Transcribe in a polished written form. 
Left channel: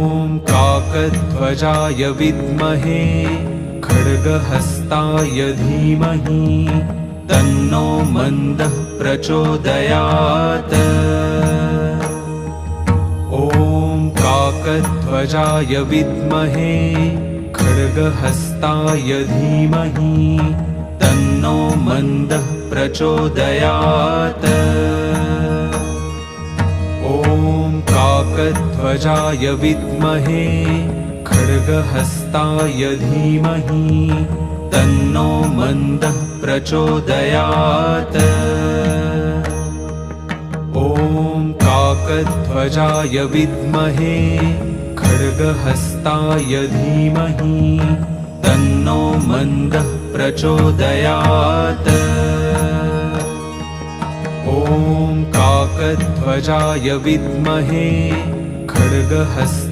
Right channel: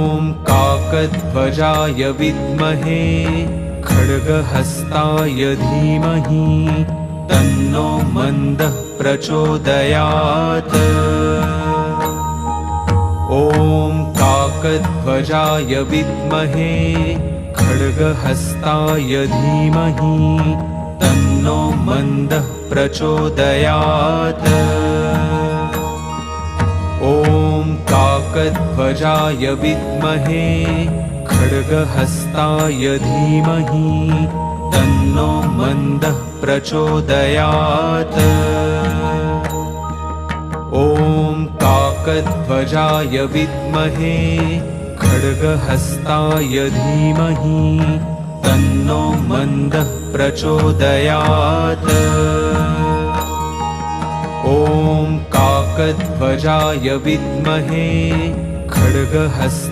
ॐ काकध्वजाय विद्महे खड्गहस्ताय धीमहि तन्नो मन्दः प्रचोदयात्। ॐ काकध्वजाय विद्महे खड्गहस्ताय धीमहि तन्नो मन्दः प्रचोदयात्। ॐ काकध्वजाय विद्महे खड्गहस्ताय धीमहि तन्नो मन्दः प्रचोदयात्। ॐ काकध्वजाय विद्महे खड्गहस्ताय धीमहि तन्नो मन्दः प्रचोदयात्। ॐ काकध्वजाय विद्महे खड्गहस्ताय